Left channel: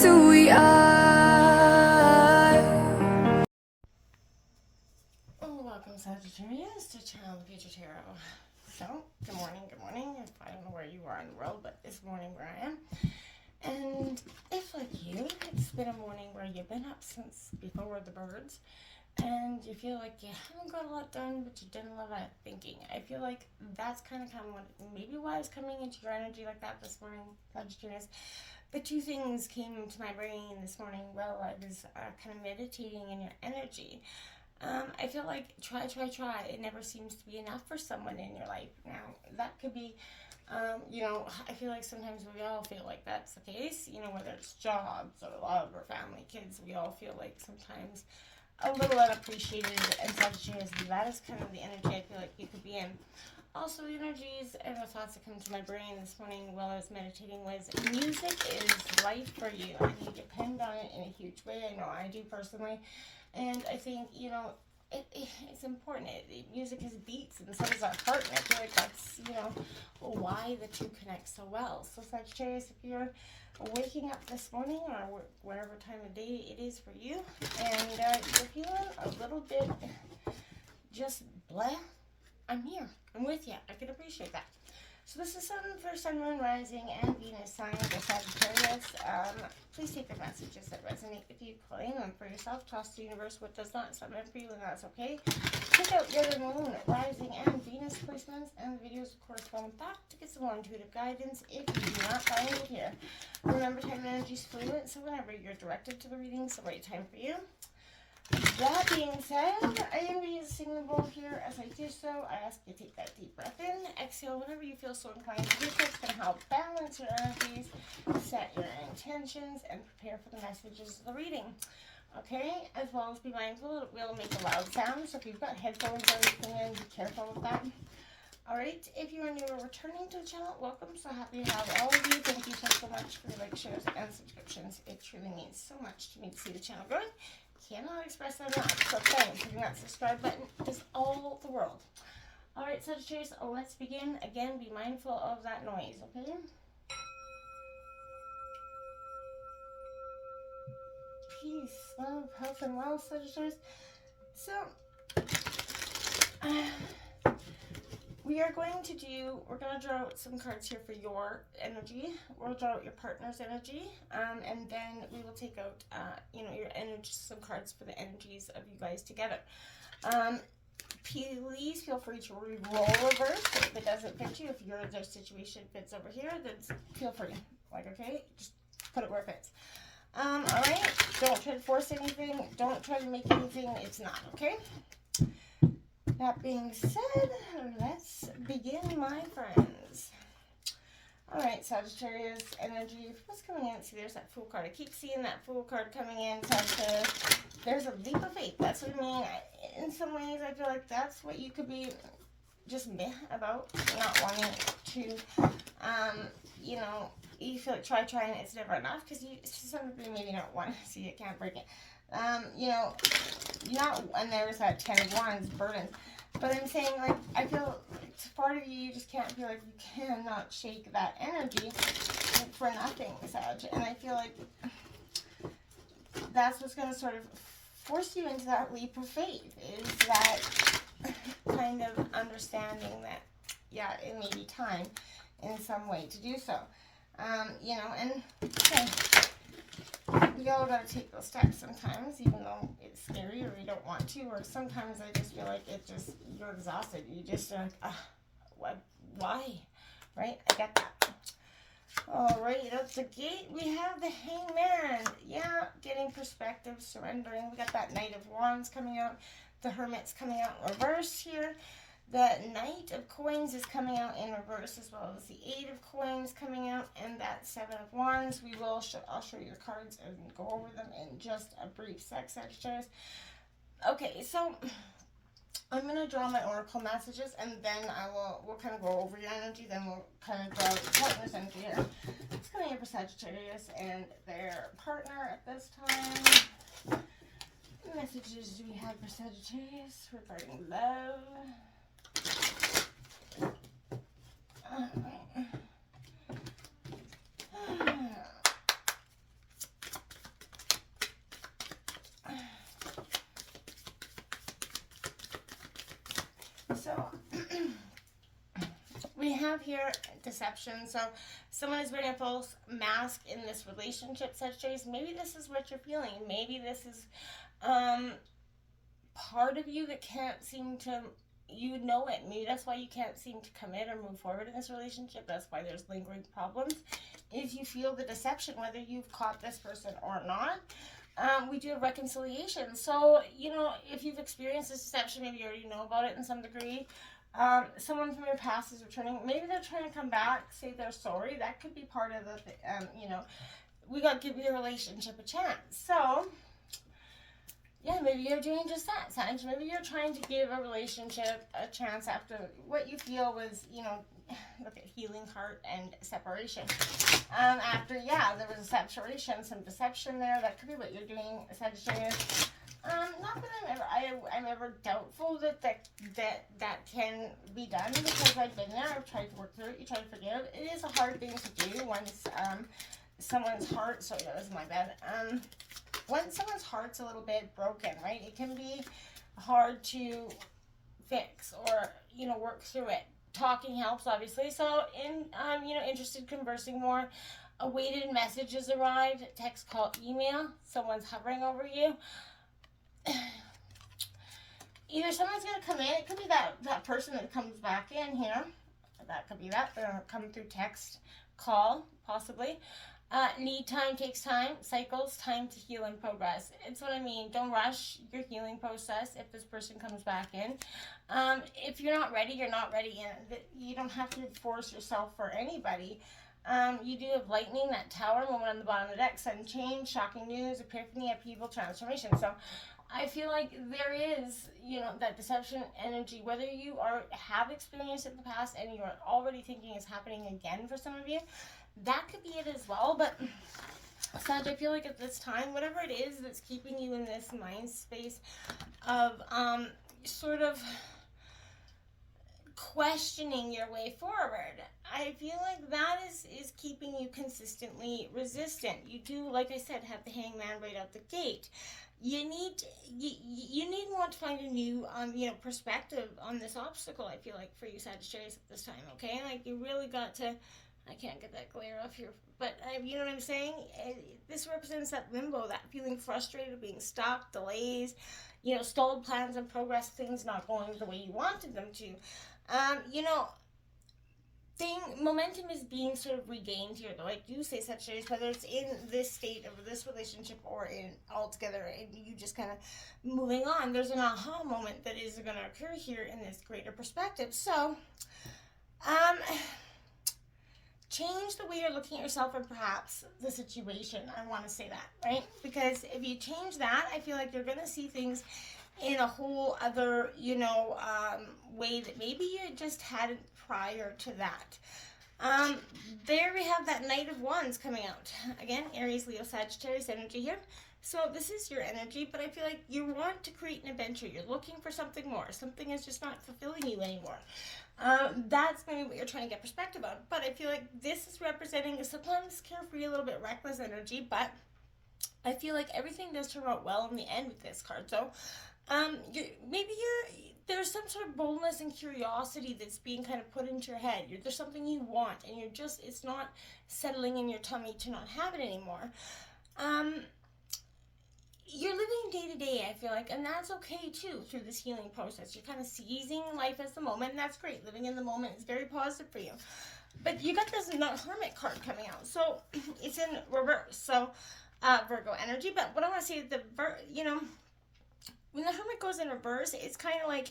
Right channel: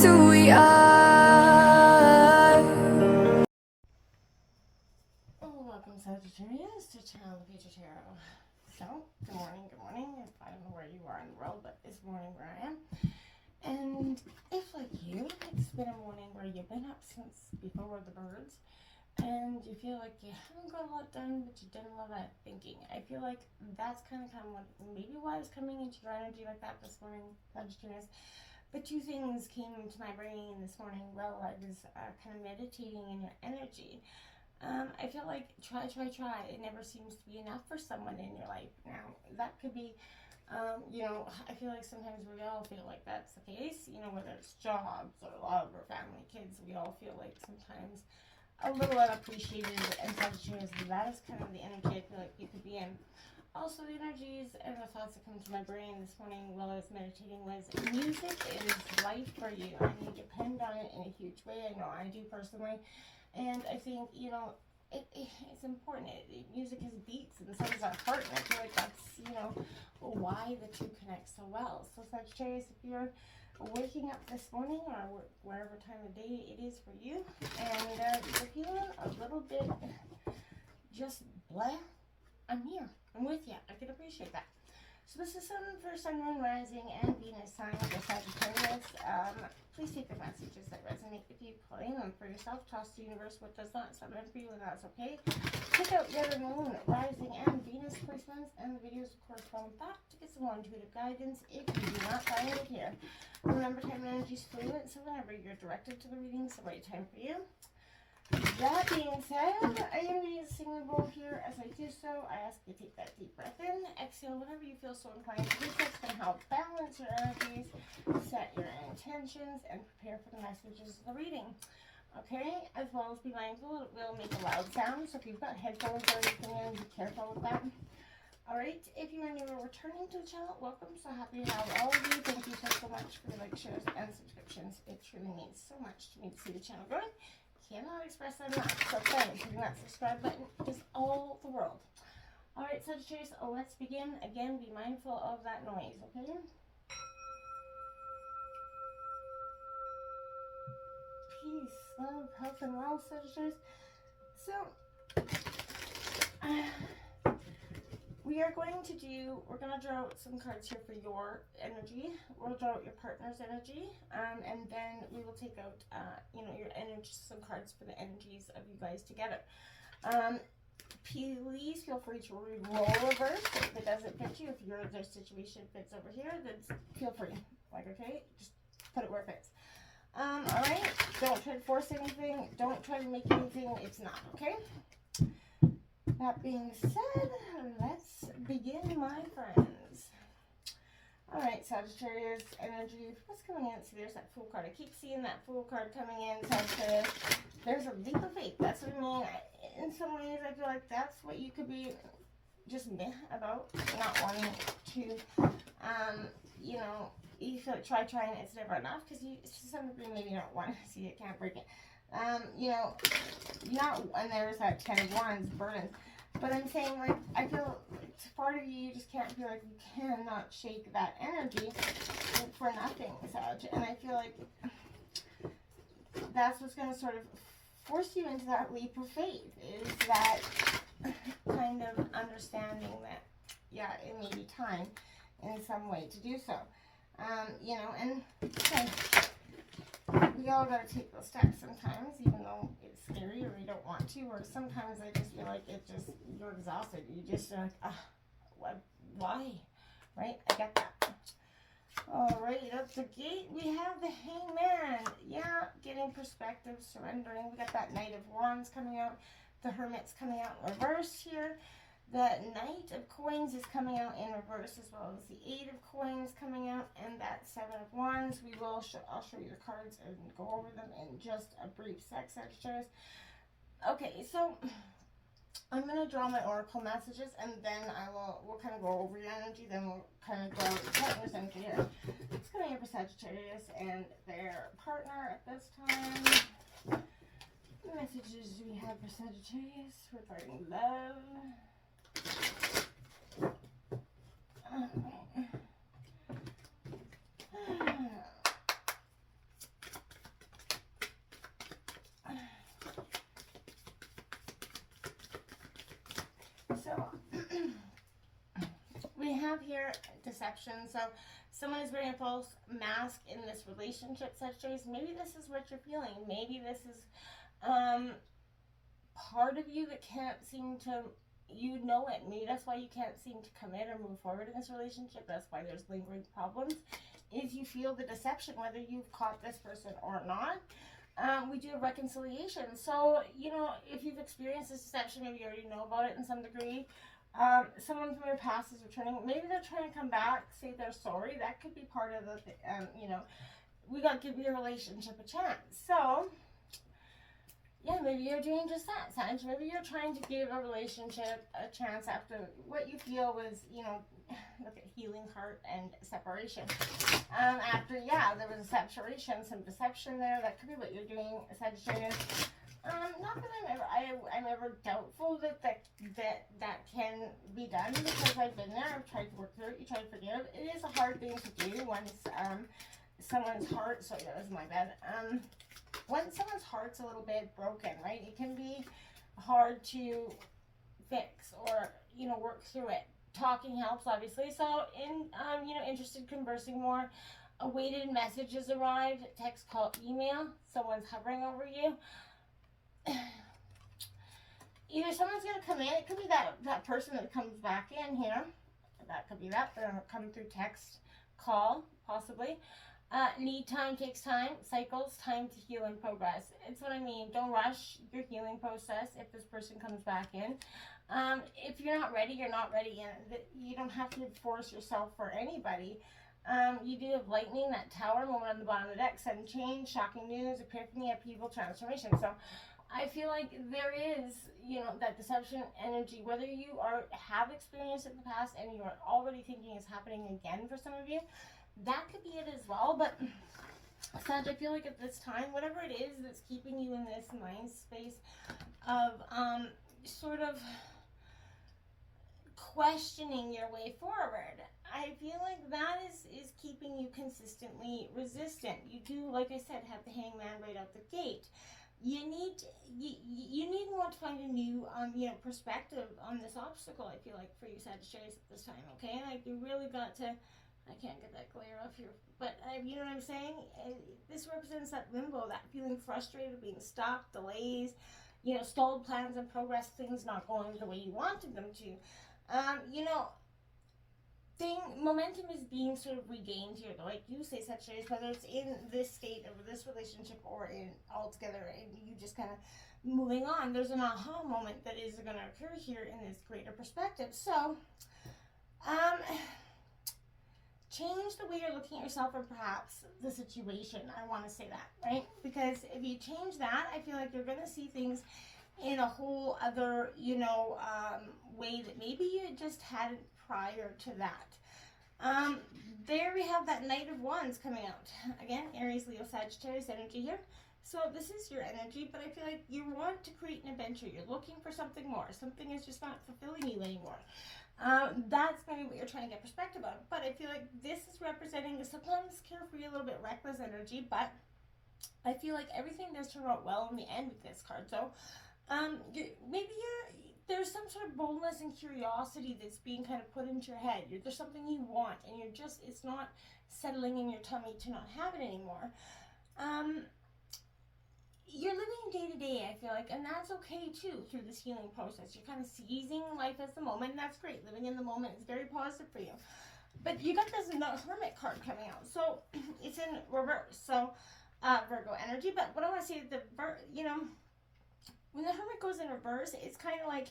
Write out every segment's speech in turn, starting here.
just who we are. Welcome, Sagittarius, to Channel Future Tarot. So, good morning, good morning. I don't know where you are in the world, but it's morning where I am. And if, like you, it's been a morning where you've been up since before the birds, and you feel like you haven't got a lot done, but you've done a lot of thinking. I feel like that's kind of maybe why I was coming into your energy like that this morning, Sagittarius. The two things came into my brain this morning while I was kind of meditating in your energy. I feel like try. It never seems to be enough for someone in your life. Now, that could be, I feel like sometimes we all feel like that's the case, whether it's jobs or love or family, kids, we all feel like sometimes a little unappreciated, and Sagittarius, that is kind of the energy I feel like you could be in. Also, the energies and the thoughts that come to my brain this morning while I was meditating was music is life for you, and you depend on it in a huge way. I know I do personally, and I think, it's important. Music is beats, and so is our heart, and I feel like that's, why the two connect so well. So, Sagittarius, if you're waking up this morning or whatever time of day it is for you, and you're feeling a little bit just blah, I'm here. I'm with you. I can appreciate that. So this is for Sun, Moon, Rising, and Venus sign for Sagittarius. Please take the messages that resonate with you, claim them for yourself, toss to the universe what does not sound meant for you, and that's okay. Check out your Moon, Rising, and Venus placements, and the videos of correspond with that to get some more intuitive guidance if you do not find it here. Remember, time and energy is fluid, so whenever you're directed to the reading, it's the right time for you. That being said, I am going to sing the bowl here. As I do so, I ask you to take that deep breath in, exhale whenever you feel so inclined to do so. It's going to help balance your energies, set your intentions, and prepare for the messages of the reading. Okay, as well as be mindful, it will make a loud sound, so if you've got headphones or anything in, be careful with that. Alright, if you are new or returning to the channel, welcome. So happy to have all of you. Thank you so much for the like, shares, and subscriptions. It truly means so much to me to see the channel growing. Cannot express that enough. So thanks. Hitting that subscribe button is all the world. Alright, Sagittarius, let's begin. Again, be mindful of that noise, okay? Peace, love, health, and wealth, Sagittarius. So, we're going to draw out some cards here for your energy. We'll draw out your partner's energy, and then we will take out, your energy, some cards for the energies of you guys together. Please feel free to re-roll reverse if it doesn't fit you. If their situation fits over here, then feel free. Okay? Just put it where it fits. Alright? Don't try to force anything. Don't try to make anything. It's not, okay? That being said, let's begin, my friends. Alright, Sagittarius energy. What's coming in? See, there's that Fool card. I keep seeing that Fool card coming in, Sagittarius. There's a leap of faith. That's what I mean. In some ways, I feel like that's what you could be just meh about. Not wanting to, you feel like trying, it's never enough. Because some of you maybe don't want to see it, can't break it. And there's that 10 of Wands burden. But I'm saying, like, I feel it's part of you just can't feel like you cannot shake that energy for nothing, Sag. And I feel like that's what's going to sort of force you into that leap of faith, is that kind of understanding that, yeah, it may be time in some way to do so. And okay, we all got to take those steps sometimes, even though it's scary or we don't want to, or sometimes I just feel like you're exhausted. You just are like, why? Right? I get that. Alright, at the gate, we have the Hangman. Yeah, getting perspective, surrendering. We got that Knight of Wands coming out. The Hermit's coming out in reverse here. The Knight of Coins is coming out in reverse, as well as the 8 of Coins coming out, and that 7 of Wands. I'll show you the cards and go over them in just a brief sec, Sagittarius. Okay, so I'm going to draw my oracle messages, and then we'll kind of go over your energy, then we'll kind of draw the partner's energy here. It's coming up for Sagittarius and their partner at this time. What messages do we have for Sagittarius regarding love? we have here deception. So someone is wearing a false mask in this relationship, Sagittarius. Maybe this is what you're feeling. Maybe this is part of you that can't seem to, you know it. Maybe that's why you can't seem to commit or move forward in this relationship. That's why there's lingering problems. If you feel the deception, whether you've caught this person or not, we do have reconciliation. So, you know, if you've experienced this deception, maybe you already know about it in some degree. Someone from your past is returning. Maybe they're trying to come back, say they're sorry. That could be part of the, you know, we got to give your relationship a chance. So, yeah, maybe you're doing just that, Sag. Maybe you're trying to give a relationship a chance after what you feel was, you know, look at healing heart and separation. After, yeah, there was a separation, some deception there. That could be what you're doing, Sagittarius. Not that I'm ever doubtful that can be done, because I've been there. I've tried to work through it. You try to forgive. It is a hard thing to do once someone's heart. Sorry, that was my bad. When someone's heart's a little bit broken, right? It can be hard to fix or, you know, work through it. Talking helps, obviously. So, you know, interested, conversing more. Awaited messages arrived. Text, call, email. Someone's hovering over you. Either someone's going to come in. It could be that person that comes back in here. That could be that. They're coming through text, call, possibly. Need time, takes time, cycles, time to heal and progress. It's what I mean. Don't rush your healing process if this person comes back in. If you're not ready, you're not ready. You don't have to force yourself for anybody. You do have lightning, that tower, moment on the bottom of the deck, sudden change, shocking news, epiphany, upheaval, transformation. So I feel like there is, you know, that deception energy, whether you have experienced it in the past and you're already thinking it's happening again for some of you. That could be it as well, but Sag, I feel like at this time, whatever it is that's keeping you in this mind space of sort of questioning your way forward, I feel like that is keeping you consistently resistant. You do, like I said, have the hangman right out the gate. You need to find a new you know, perspective on this obstacle, I feel like, for you, Sagittarius, at this time, okay? Like, you really got to, I can't get that glare off here, but you know what I'm saying? This represents that limbo, that feeling frustrated, being stuck, delays, you know, stalled plans and progress, things not going the way you wanted them to. You know, momentum is being sort of regained here, though. I do say, Sagittarius, whether it's in this state of this relationship or in altogether, and you just kind of moving on, there's an aha moment that is going to occur here in this greater perspective. So, change the way you're looking at yourself and perhaps the situation. I want to say that, right? Because if you change that, I feel like you're going to see things in a whole other, you know, way that maybe you just hadn't prior to that. There we have that Knight of Wands coming out. Again, Aries, Leo, Sagittarius energy here. So this is your energy, but I feel like you want to create an adventure. You're looking for something more. Something is just not fulfilling you anymore. That's maybe what you're trying to get perspective on. But I feel like this is representing sometimes carefree, a little bit reckless energy, but I feel like everything does turn out well in the end with this card. So there's some sort of boldness and curiosity that's being kind of put into your head. There's something you want, and it's not settling in your tummy to not have it anymore. You're living day to day, I feel like, and that's okay too through this healing process. You're kind of seizing life as the moment, and that's great. Living in the moment is very positive for you. But you got this Hermit card coming out, so it's in reverse. So Virgo energy. But what I want to say is when the Hermit goes in reverse, it's kind of like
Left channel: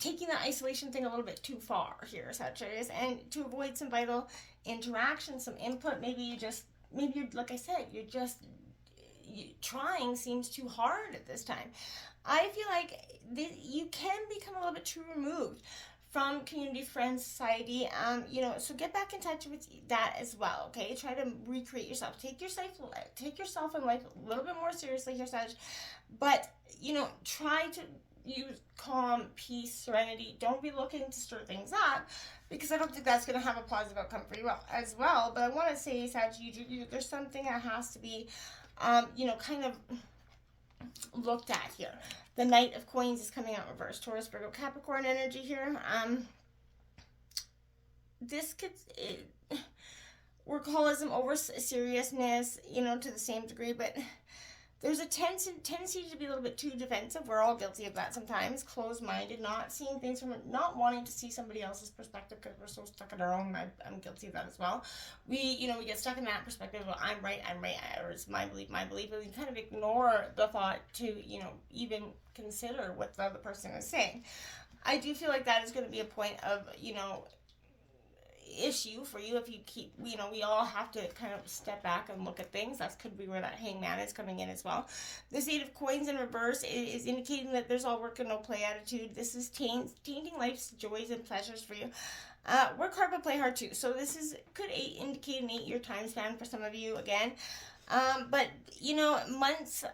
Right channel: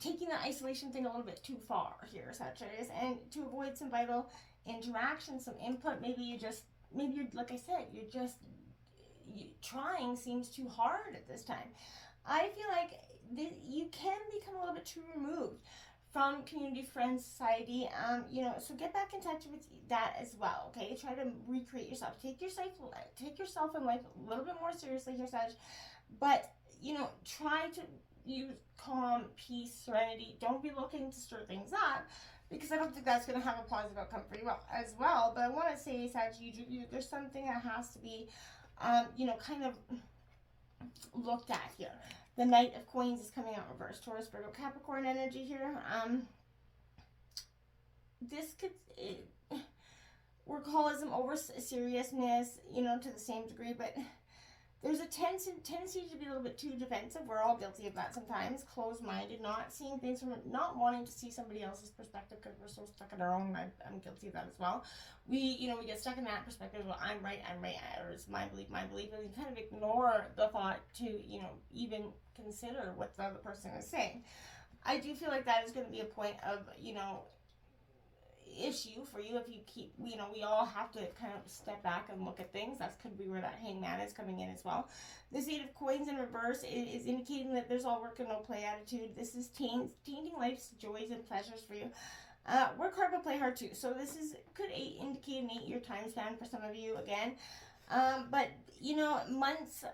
taking the isolation thing a little bit too far here, Sagittarius, and to avoid some vital interaction, some input. Maybe you're like I said, trying seems too hard at this time. I feel like you can become a little bit too removed from community, friends, society. So get back in touch with that as well. Okay, try to recreate yourself. Take yourself in life a little bit more seriously here, Sag. But try to use calm, peace, serenity. Don't be looking to stir things up, because I don't think that's going to have a positive outcome for you as well. But I want to say, Sag, there's something that has to be, kind of looked at here. The Knight of Coins is coming out reverse. Taurus, Virgo, Capricorn energy here. this could workaholism over seriousness, to the same degree, but there's a tendency to be a little bit too defensive. We're all guilty of that sometimes. Closed-minded, not seeing things from, not wanting to see somebody else's perspective because we're so stuck in our own. I'm guilty of that as well. We get stuck in that perspective. Well, I'm right, or it's my belief, and we kind of ignore the thought to, even consider what the other person is saying. I do feel like that is going to be a point of, issue for you if you keep, we all have to kind of step back and look at things. That could be where that hangman is coming in as well. This Eight of Coins in reverse is indicating that there's all work and no play attitude. This is tainting life's joys and pleasures for you. Work hard but play hard too. So this could indicate an 8-year time span for some of you again. But months,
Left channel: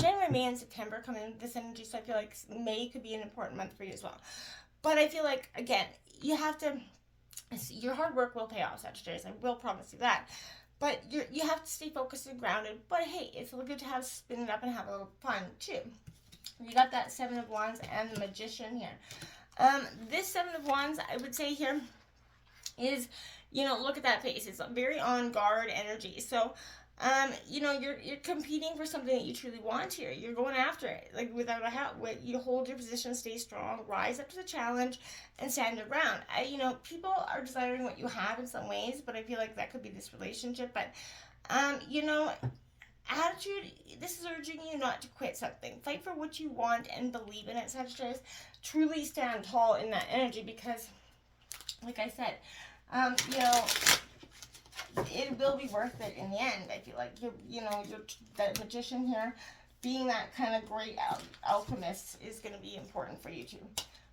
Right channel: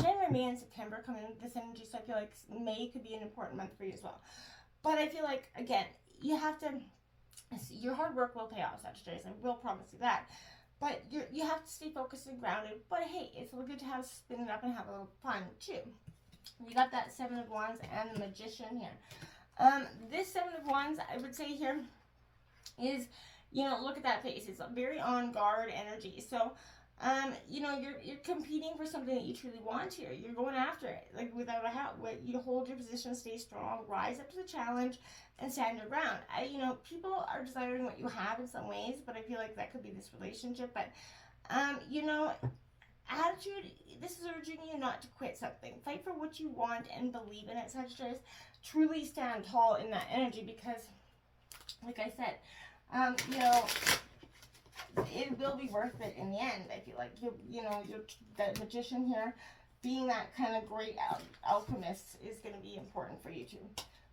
January, May, and September come in with this energy, so I feel like May could be an important month for you as well. But I feel like, again, you have to, your hard work will pay off, Sagittarius. I will promise you that. But you have to stay focused and grounded. But hey, it's a little good to have spin it up and have a little fun too. You got that Seven of Wands and the Magician here. This Seven of Wands, I would say here, is, look at that face. It's a very on guard energy. So, you're competing for something that you truly want here. You're going after it, like without a hat. You hold your position, stay strong, rise up to the challenge, and stand your ground. People are desiring what you have in some ways, but I feel like that could be this relationship. But, attitude, this is urging you not to quit something. Fight for what you want and believe in it, Sagittarius. Truly stand tall in that energy because, like I said, it will be worth it in the end. I feel like you're the Magician here, being that kind of great alchemist is going to be important for you too.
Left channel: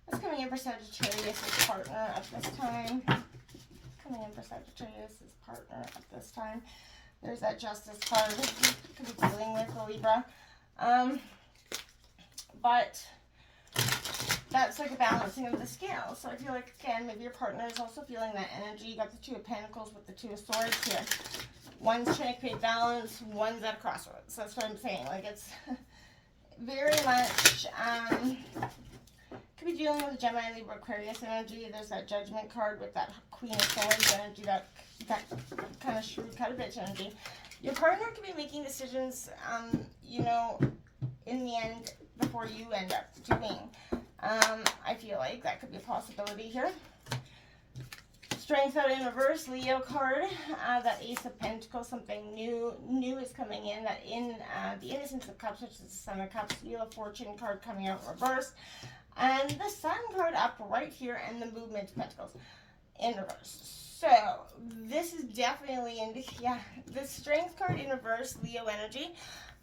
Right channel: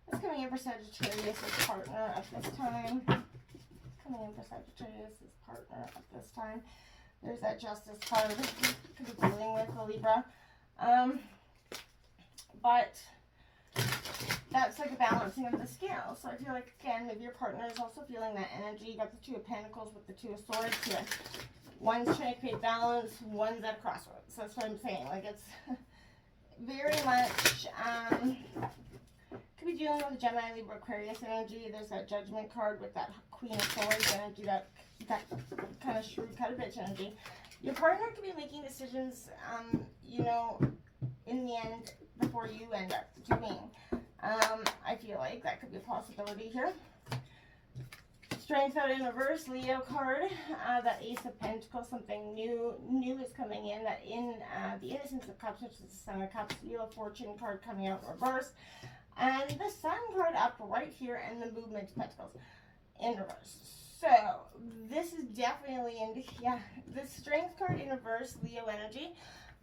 What's coming in for Sagittarius' partner at this time? Coming in for Sagittarius' partner at this time. There's that Justice card you could be dealing with, a Libra. But that's like a balancing of the scale. So I feel like, again, maybe your partner is also feeling that energy. You got the Two of Pentacles with the Two of Swords here. One's trying to create balance, one's at a crossroads. That's what I'm saying. Like, it's very much, could be dealing with Gemini, Libra, Aquarius energy. There's that Judgment card with that Queen of Swords energy, that kind of shrewd cut of bitch energy. Your partner could be making decisions, in the end, before you end up doing. I feel like that could be a possibility here. Strength out in reverse, Leo card. That Ace of Pentacles, something new is coming in. That in the Innocence of Cups, which is the Sun of Cups, Wheel of Fortune card coming out in reverse. And the Sun card up right here, and the Movement of Pentacles in reverse. So, this is definitely, the Strength card in reverse, Leo energy.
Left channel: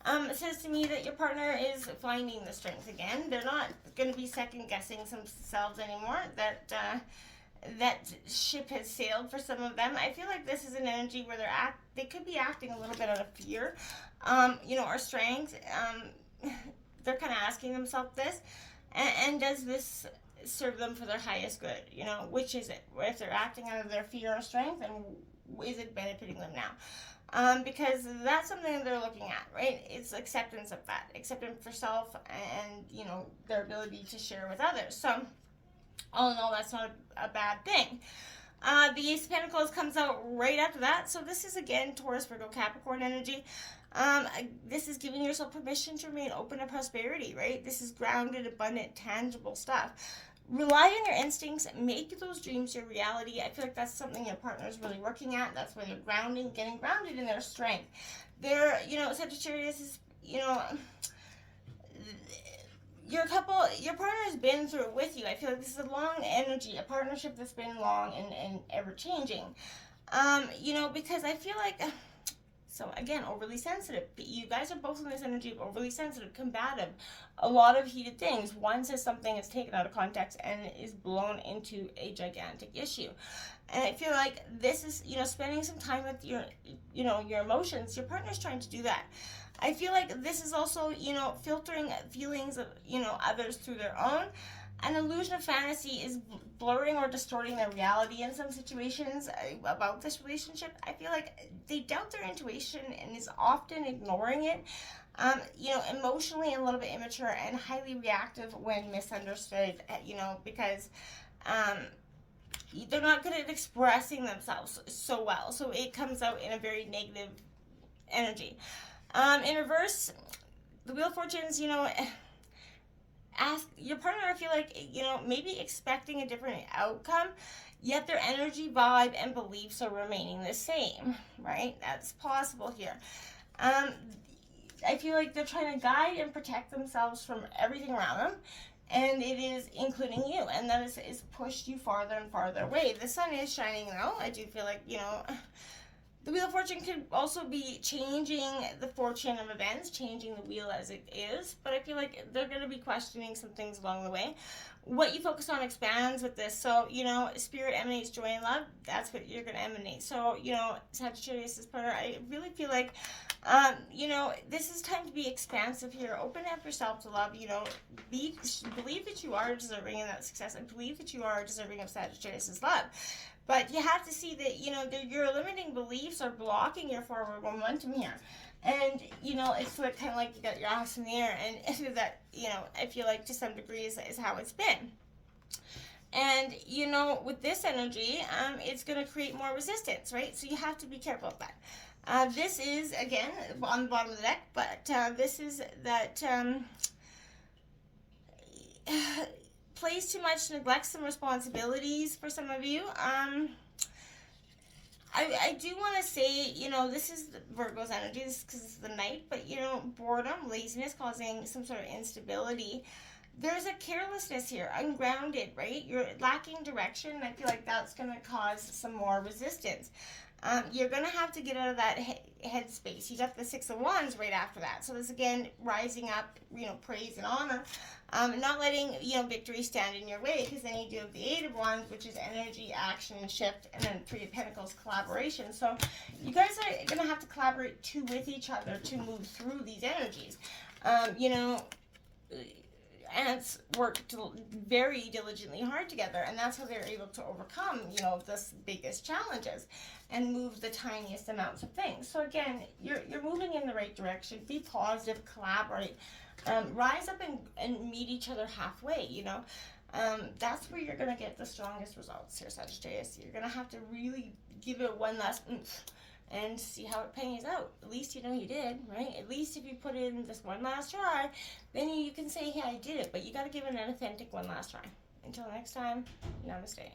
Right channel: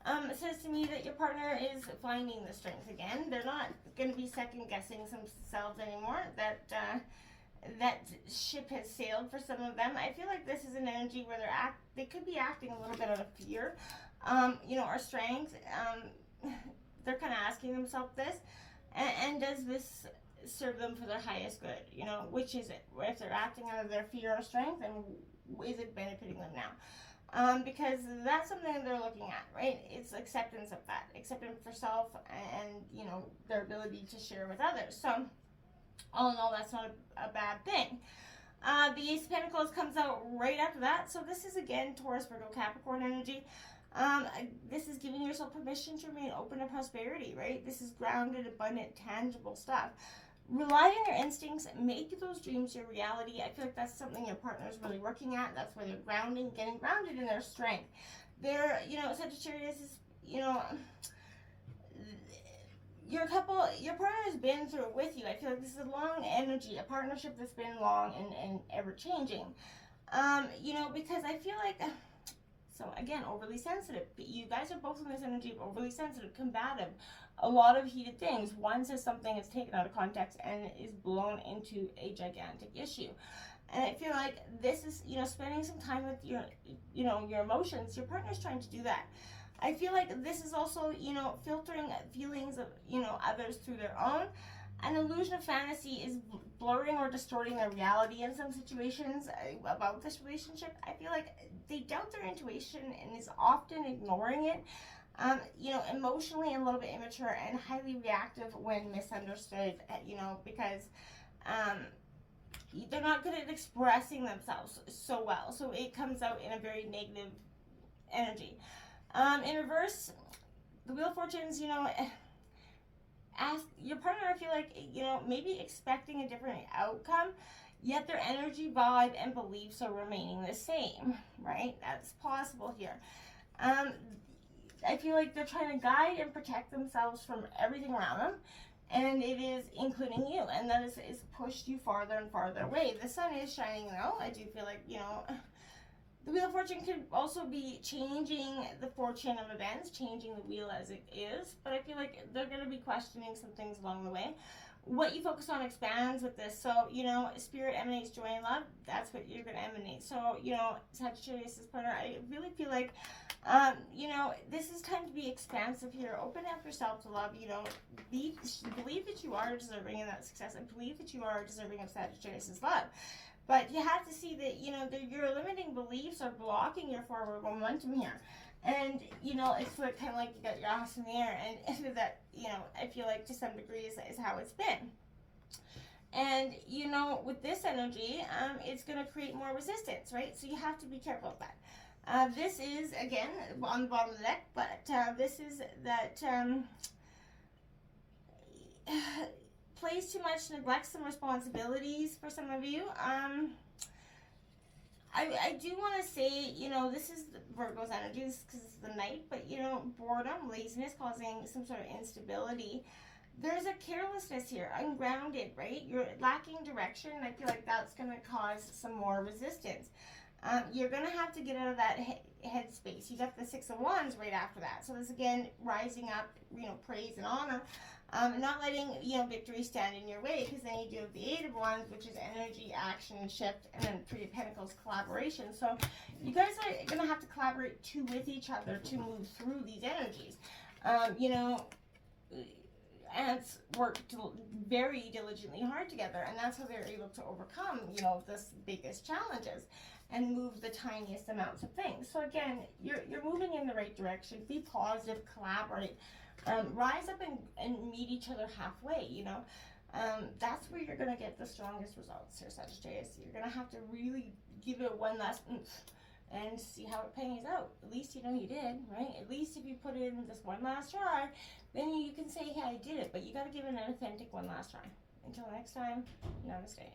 It says to me that your partner is finding the strength again. They're not going to be second-guessing themselves anymore. That ship has sailed for some of them. I feel like this is an energy where they could be acting a little bit out of fear, or strength. They're kind of asking themselves this, and does this serve them for their highest good? Which is it? If they're acting out of their fear or strength, and is it benefiting them now? Because that's something they're looking at, right? It's acceptance of that. Acceptance for self and, their ability to share with others. So, all in all, that's not a bad thing. The Ace of Pentacles comes out right after that. So this is, again, Taurus, Virgo, Capricorn energy. This is giving yourself permission to remain open to prosperity, right? This is grounded, abundant, tangible stuff. Rely on your instincts, make those dreams your reality. I feel like that's something your partner is really working at. That's where they're getting grounded in their strength. They're, Sagittarius is, your partner has been through it with you. I feel like this is a long energy, a partnership that's been long and ever changing. Because I feel like, so again, overly sensitive. You guys are both in this energy of overly sensitive, combative. A lot of heated things. One says something is taken out of context and is blown into a gigantic issue. And I feel like this is, spending some time with your emotions. Your partner's trying to do that. I feel like this is also, filtering feelings of, others through their own. An illusion of fantasy is blurring or distorting their reality in some situations about this relationship. I feel like they doubt their intuition and is often ignoring it. Emotionally a little bit immature and highly reactive when misunderstood, because They're not good at expressing themselves so well, so it comes out in a very negative energy. In reverse, the Wheel of Fortunes, ask your partner, I feel like, maybe expecting a different outcome, yet their energy, vibe, and beliefs are remaining the same, right? That's possible here. I feel like they're trying to guide and protect themselves from everything around them, and it is including you, and that is pushed you farther and farther away. The sun is shining though. I do feel like, the Wheel of Fortune could also be changing the fortune of events, changing the wheel as it is, but I feel like they're going to be questioning some things along the way. What you focus on expands with this. So, spirit emanates joy and love. That's what you're going to emanate. So, Sagittarius' partner, I really feel like, this is time to be expansive here. Open up yourself to love. Believe that you are deserving of that success, and believe that you are deserving of Sagittarius' love. But you have to see that, your limiting beliefs are blocking your forward momentum here. And, it's like, kind of like you got your ass in the air. And that, I feel like to some degree is how it's been. And, with this energy, it's going to create more resistance, right? So you have to be careful of that. This is, again, on the bottom of the deck, but this is that plays too much, neglects some responsibilities for some of you. I do want to say, this is Virgo's energy because it's the night, but, boredom, laziness causing some sort of instability. There's a carelessness here, ungrounded, right? You're lacking direction, and I feel like that's going to cause some more resistance. You're going to have to get out of that headspace. You got the Six of Wands right after that. So this, again, rising up, praise and honor. Not letting, victory stand in your way, because then you do have the Eight of Wands, which is energy, action, shift, and then Three of Pentacles, collaboration. So you guys are going to have to collaborate with each other to move through these energies. Ants worked very diligently hard together, and that's how they're able to overcome, this biggest challenges and move the tiniest amounts of things. So again, you're moving in the right direction. Be positive, collaborate. Rise up and meet each other halfway, that's where you're going to get the strongest results here, Sagittarius. You're going to have to really give it one last oomph and see how it pays out. At least you did, right? At least if you put in this one last try, then you can say, hey, I did it. But you got to give it an authentic one last try. Until next time, namaste.